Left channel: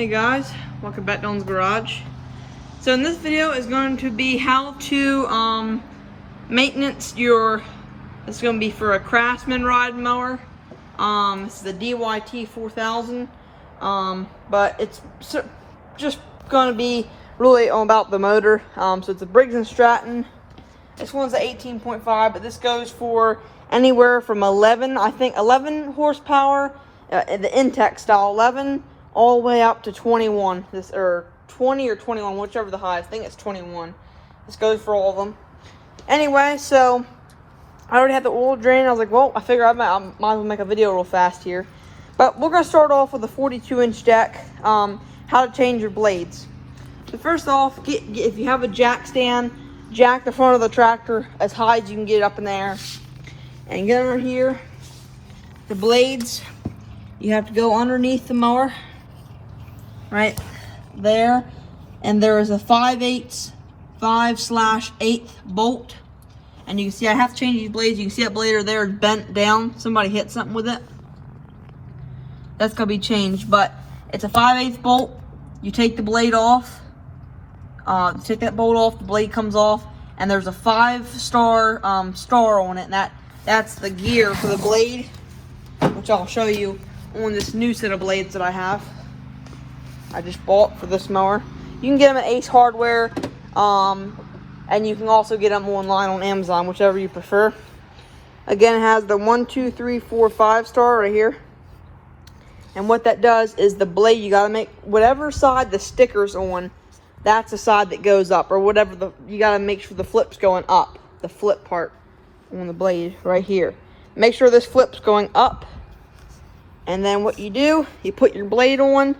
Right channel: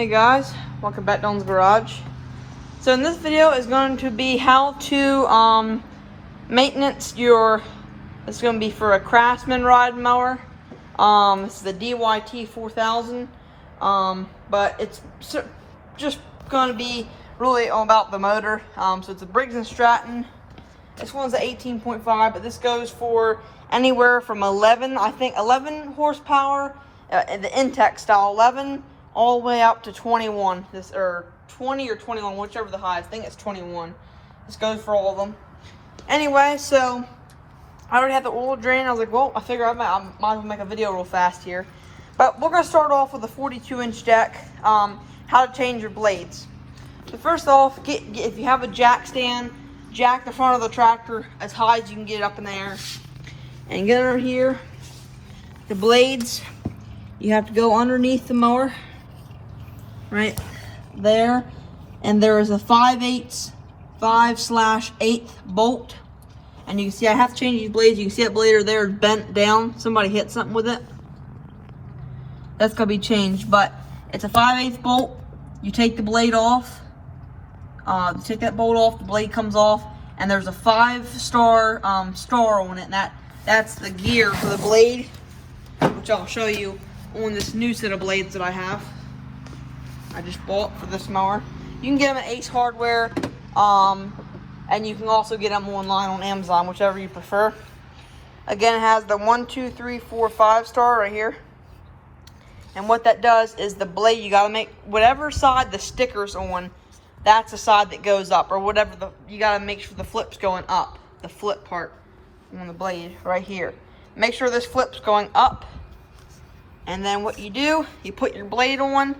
Hey guys, welcome back to Don's Garage. So in this video is going to be how to maintenance your, it's going to be for a Craftsman ride mower. This is the DYT 4000, but it's just going to be really about the motor. So it's a Briggs and Stratton. This one's an 18.5, but this goes for anywhere from 11 horsepower, the Intech style, 11 all the way up to 21. This, or 20 or 21, whichever the highest. I think it's 21. This goes for all of them. Anyway, so I already had the oil drain. I was like, well, I figure I might as well make a video real fast here. But we're gonna start off with a 42-inch jack. How to change your blades. So first off, if you have a jack stand, jack the front of the tractor as high as you can get up in the air, and get under here. The blades, you have to go underneath the mower, right there, and there is a 5/8 bolt, and you can see I have to change these blades. You can see that blade there is bent down. Somebody hit something with it. That's gonna be changed, but it's a 5/8 bolt. You take the blade off. You take that bolt off, the blade comes off, and there's a 5-star star on it. And that's the gear for the blade, which I'll show you on this new set of blades that I just bought for this mower. You can get them at Ace Hardware, and you can also get them online on Amazon, whichever you prefer. Again, it has the 1, 2, 3, 4, 5-star right here. And what that does is the blade, you gotta make whatever side the sticker's on, that's the side that goes up, or whatever you gotta make sure the flip's going up, the flip part on the blade right here. Make sure this flip's going up, and then what you do, you put your blade on,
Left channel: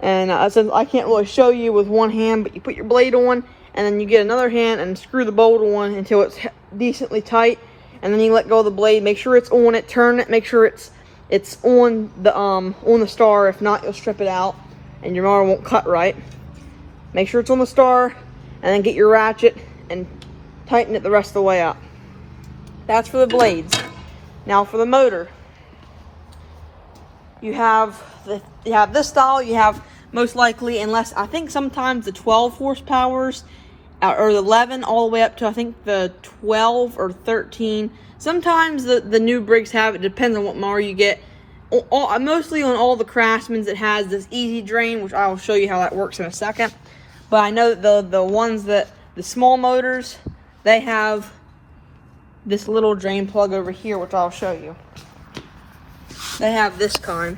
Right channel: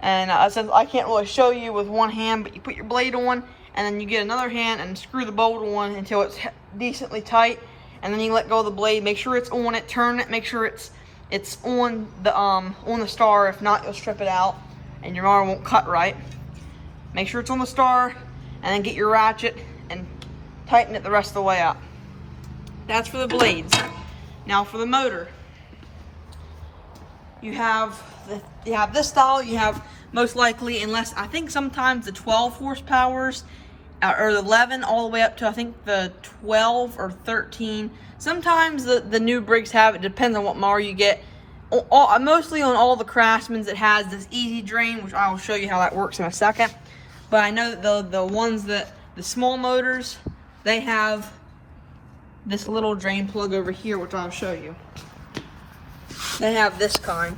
and since I can't really show you with one hand, but you put your blade on, and then you get another hand and screw the bolt on until it's decently tight, and then you let go of the blade. Make sure it's on it, turn it, make sure it's on the star. If not, you'll strip it out, and your mower won't cut right. Make sure it's on the star, and then get your ratchet and tighten it the rest of the way up. That's for the blades. Now for the motor, you have this style. You have most likely, unless I think sometimes the 12 horsepowers or the 11 all the way up to I think the 12 or 13. Sometimes the new Briggs have it. Depends on what mower you get. Mostly on all the Craftsmans, it has this easy drain, which I'll show you how that works in a second. But I know that the ones that the small motors, they have this little drain plug over here, which I'll show you. They have this kind,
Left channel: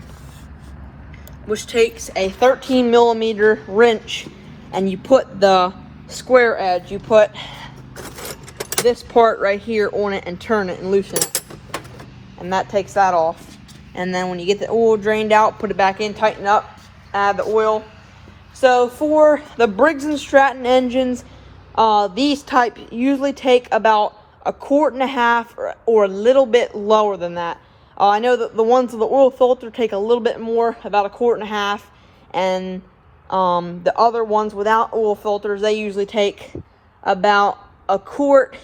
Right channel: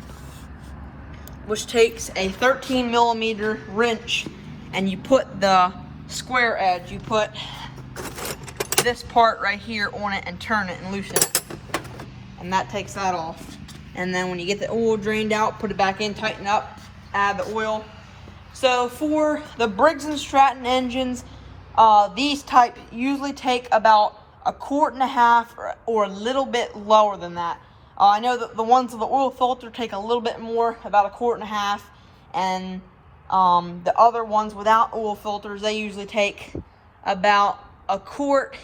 which takes a 13mm wrench, and you put the square edge, you put this part right here on it and turn it and loosen it, and that takes that off. And then when you get the oil drained out, put it back in, tighten up, add the oil. So for the Briggs and Stratton engines, these type usually take about 1.5 quart or a little bit lower than that. I know that the ones with the oil filter take a little bit more, about 1.5 quart, and the other ones without oil filters, they usually take about 1 quart,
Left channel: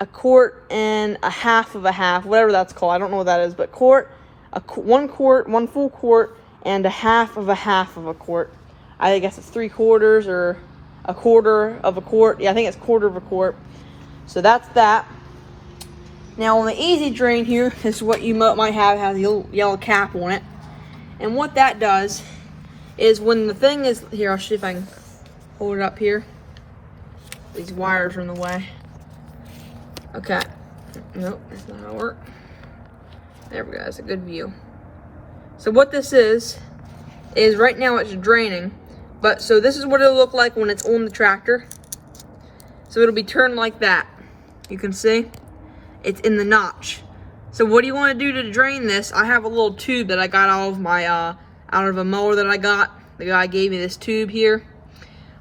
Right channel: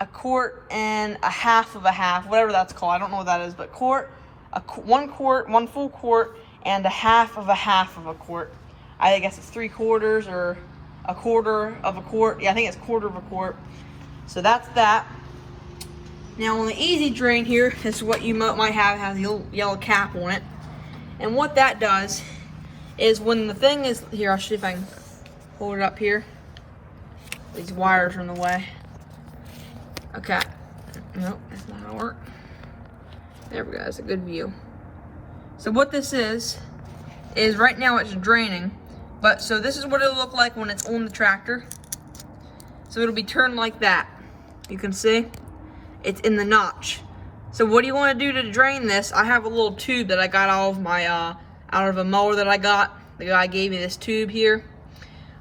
1.5 quarts, whatever that's called. I don't know what that is, but 1 quart, 1 full quart, and 1/2 quart. I guess it's 3/4 or 1/4 quart. Yeah, I think it's 1/4 quart. So that's that. Now on the easy drain here, this is what you might have, has a little yellow cap on it. And what that does is when the thing is, here, I'll see if I can hold it up here. These wires are in the way. Okay. Nope, that's not how it works. There we go, that's a good view. So what this is right now it's draining. But so this is what it'll look like when it's on the tractor. So it'll be turned like that. You can see it's in the notch. So what do you want to do to drain this? I have a little tube that I got out of a mower that I got. The guy gave me this tube here.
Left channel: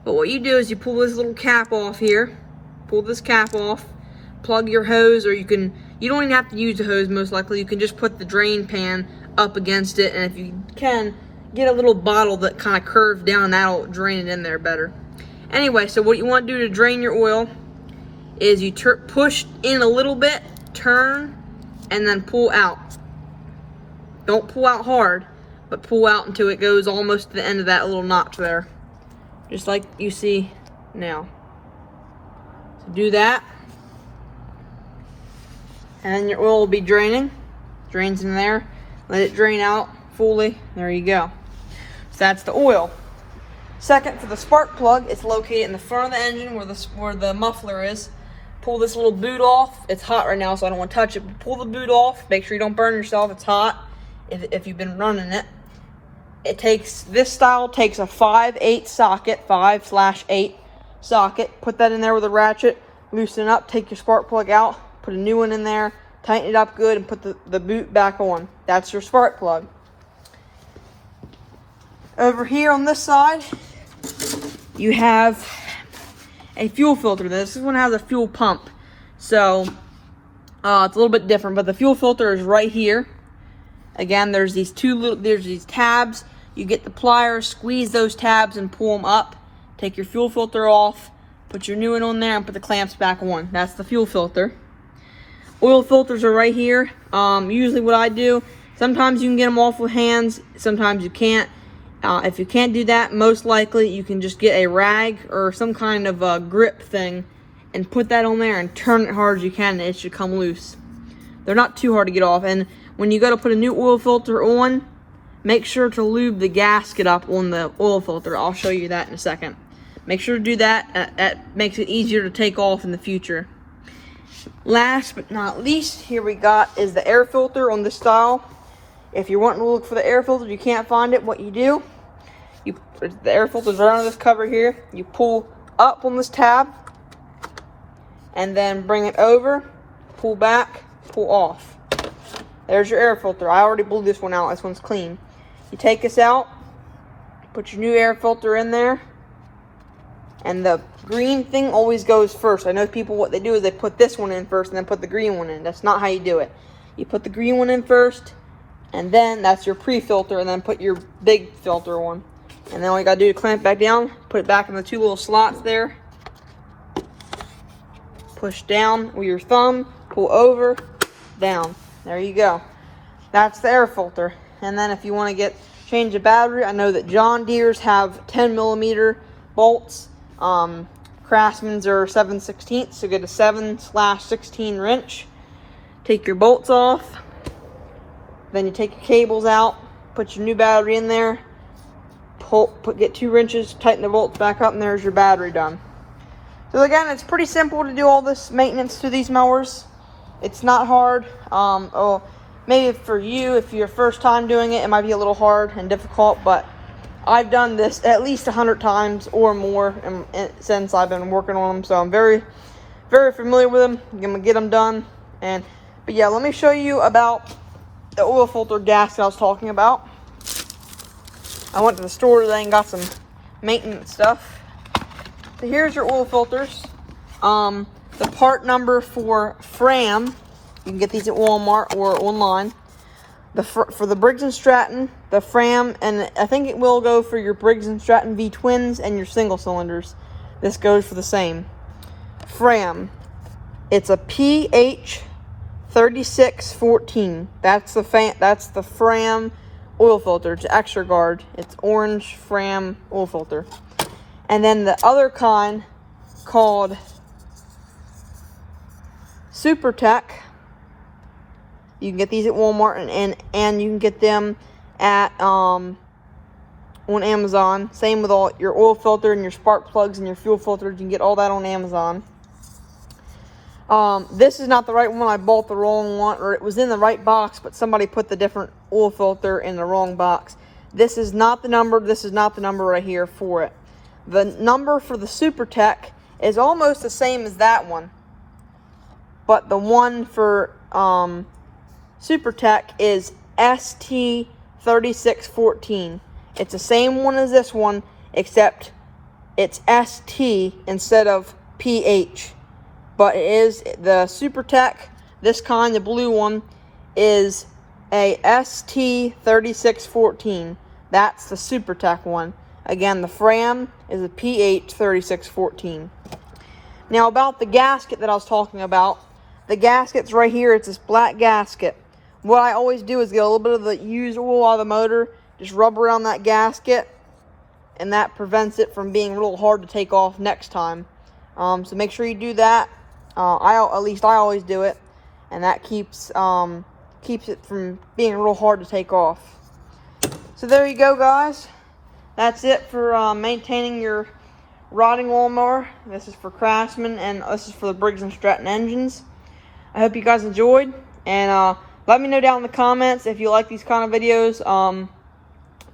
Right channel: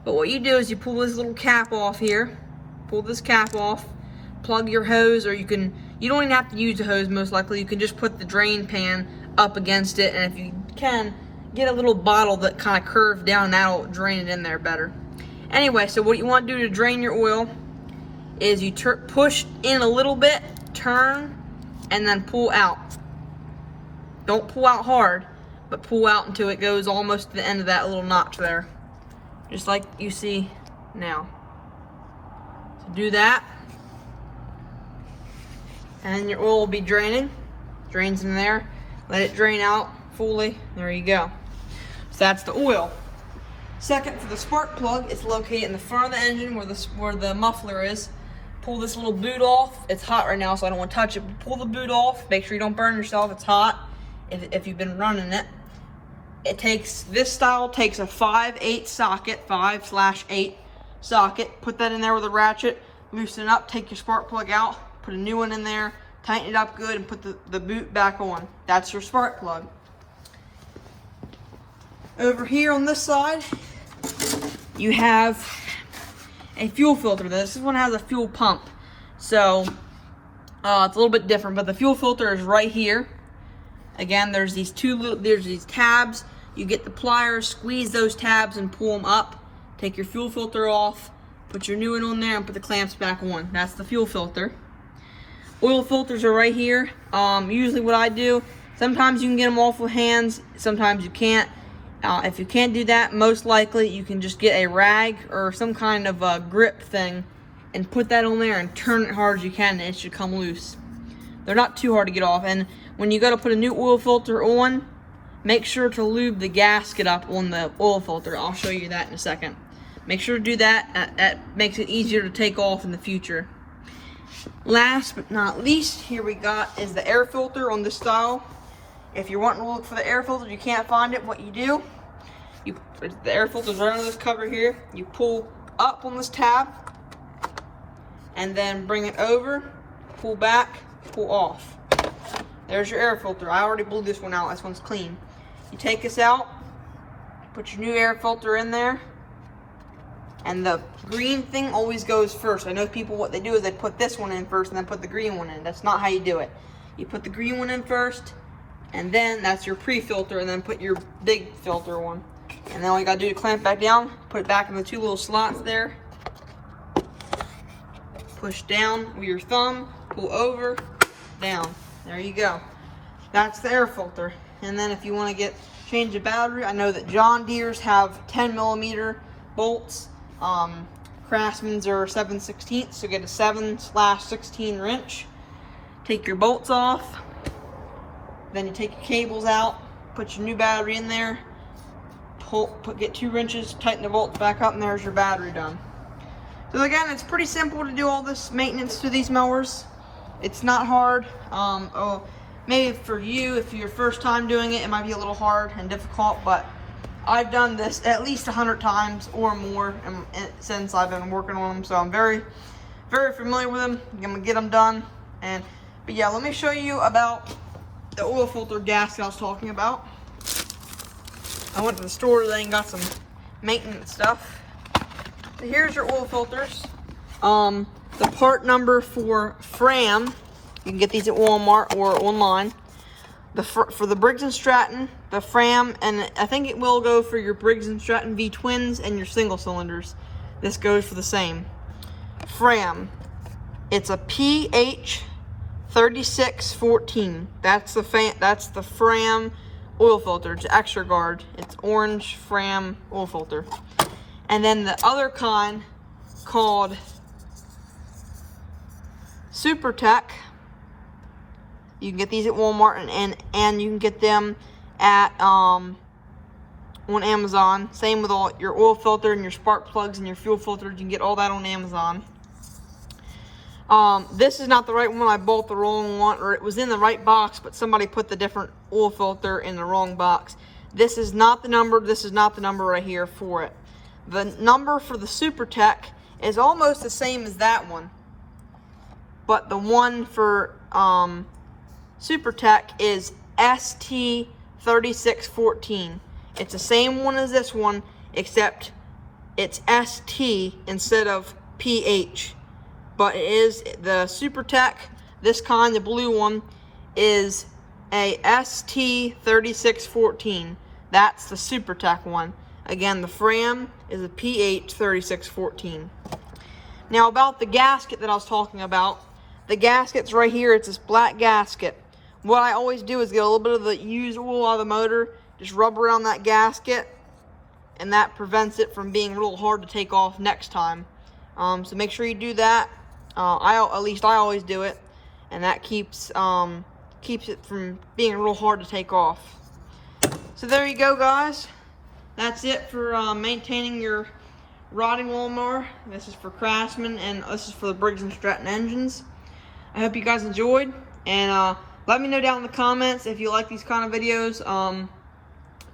But what you do is you pull this little cap off here. Pull this cap off. Plug your hose, or you don't even have to use a hose most likely. You can just put the drain pan up against it, and if you can, get a little bottle that kind of curves down, and that'll drain it in there better. Anyway, so what you want to do to drain your oil is you push in a little bit, turn, and then pull out. Don't pull out hard, but pull out until it goes almost to the end of that little notch there. Just like you see now. So do that. And your oil will be draining. Drains in there. Let it drain out fully. There you go. So that's the oil. Second, for the spark plug, it's located in the front of the engine where the muffler is. Pull this little boot off. It's hot right now, so I don't want to touch it. But pull the boot off. Make sure you don't burn yourself. It's hot if you've been running it. This style takes a 5/8 socket, 5/8 socket. Put that in there with a ratchet. Loosen it up. Take your spark plug out. Put a new one in there. Tighten it up good and put the boot back on. That's your spark plug. Over here on this side, you have a fuel filter. This one has a fuel pump, so it's a little bit different. But the fuel filter is right here. Again, there's these tabs. You get the pliers, squeeze those tabs, and pull them up. Take your fuel filter off. Put your new one on there and put the clamps back on. That's the fuel filter. Oil filters are right here. Usually, what I do, sometimes you can get them off with hands. Sometimes you can't. If you can't do that, most likely you can just get a rag or some kind of a grip thing and put that on there and turn it hard as you can, and it should come loose. They're not too hard to get off. And when you go to put a new oil filter on, make sure to lube the gasket up on the oil filter. I'll show you that in a second. Make sure to do that. That makes it easier to take off in the future. Last but not least, here we got is the air filter on this style. If you're wanting to look for the air filter, you can't find it, what you do, the air filter's right under this cover here. You pull up on this tab and then bring it over, pull back, pull off. There's your air filter. I already blew this one out. This one's clean. You take this out, put your new air filter in there, and the green thing always goes first. I know people, what they do is they put this one in first and then put the green one in. That's not how you do it. You put the green one in first, and then that's your pre-filter, and then put your big filter on. And then all you gotta do is clamp it back down, put it back in the two little slots there. Push down with your thumb, pull over, down. There you go. That's the air filter. And then if you want to change the battery, I know that John Deere's have 10mm bolts. Craftsman's are 7/16, so get a 7/16 wrench. Take your bolts off. Then you take your cables out, put your new battery in there, get 2 wrenches, tighten the bolts back up, and there's your battery done. So again, it's pretty simple to do all this maintenance to these mowers. It's not hard. Maybe for you, if you're first time doing it, it might be a little hard and difficult, but I've done this at least 100 times or more since I've been working on them, so I'm very, very familiar with them. I'm gonna get them done. But yeah, let me show you about the oil filter gasket I was talking about. I went to the store today and got some maintenance stuff. So here's your oil filters. The part number for Fram, you can get these at Walmart or online. For the Briggs and Stratton, the Fram, and I think it will go for your Briggs and Stratton V twins and your single cylinders. This goes for the same. Fram, it's a PH 3614. That's the Fram oil filter. It's extra guard. It's orange Fram oil filter. And then the other kind called Super Tech. You can get these at Walmart and you can get them at on Amazon. Same with all your oil filter and your spark plugs and your fuel filters. You can get all that on Amazon. This is not the right one. I bought the wrong one, or it was in the right box, but somebody put the different oil filter in the wrong box. This is not the number. This is not the number right here for it. The number for the Super Tech is almost the same as that one, but the one for Super Tech is ST3614. It's the same one as this one, except it's ST instead of PH. But it is the Super Tech. This kind, the blue one, is a ST3614. That's the Super Tech one. Again, the Fram is a PH3614. Now about the gasket that I was talking about. The gasket's right here. It's this black gasket. What I always do is get a little bit of the used oil out of the motor, just rub around that gasket, and that prevents it from being real hard to take off next time. So make sure you do that. At least I always do it, and that keeps it from being real hard to take off. So there you go, guys. That's it for maintaining your riding lawnmower. This is for Craftsman, and this is for the Briggs and Stratton engines. I hope you guys enjoyed, and let me know down in the comments if you like these kind of videos,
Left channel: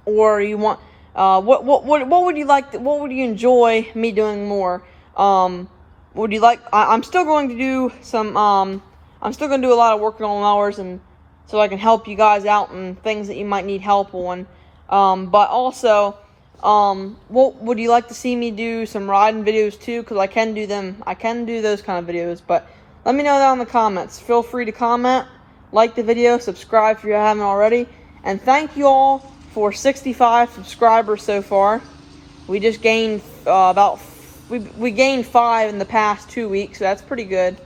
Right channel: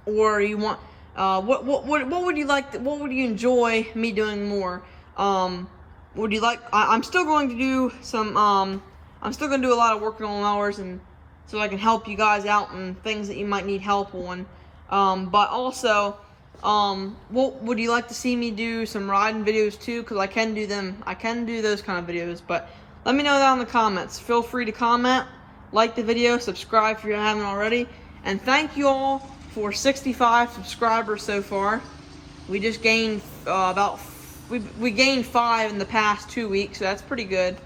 or you want what would you like? What would you enjoy me doing more? Would you like? I'm still going to do some. I'm still going to do a lot of working on mowers, and so I can help you guys out and things that you might need help on. But also, what would you like to see me do? Some riding videos too, because I can do them. I can do those kind of videos. But let me know down in the comments. Feel free to comment, like the video, subscribe if you haven't already, and thank you all for 65 subscribers so far. We just gained we gained 5 in the past 2 weeks, so that's pretty good.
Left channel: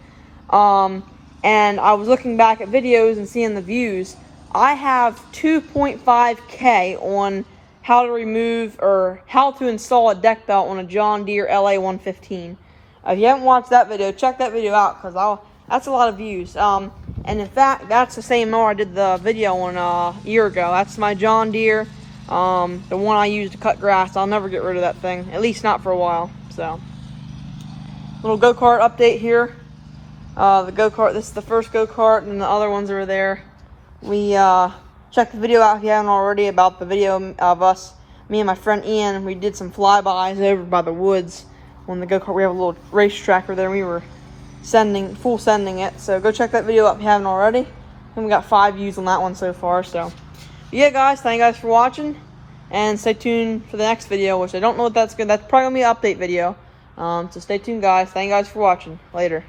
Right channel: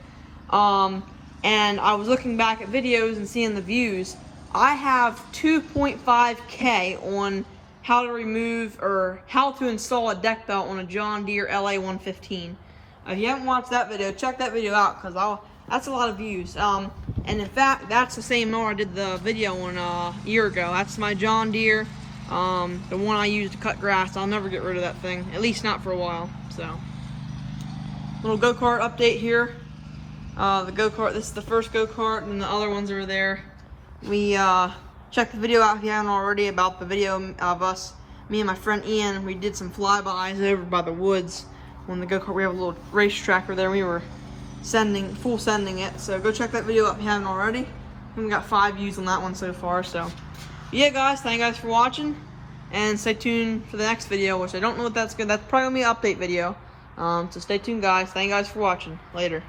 And I was looking back at videos and seeing the views. I have 2.5K on how to remove or how to install a deck belt on a John Deere LA 115. If you haven't watched that video, check that video out, because that's a lot of views. And in fact, that's the same mower I did the video on a year ago. That's my John Deere, the one I use to cut grass. I'll never get rid of that thing, at least not for a while. So, little go-kart update here. The go-kart, this is the first go-kart, and the other ones are there. We check the video out if you haven't already about the video of us, me and my friend Ian. We did some flybys over by the woods on the go-kart. We have a little race tracker there. We were full sending it, so go check that video out if you haven't already. And we got 5 views on that one so far. So yeah, guys, thank you guys for watching, and stay tuned for the next video, which I don't know what that's good. That's probably gonna be an update video. So stay tuned, guys. Thank you guys for watching. Later.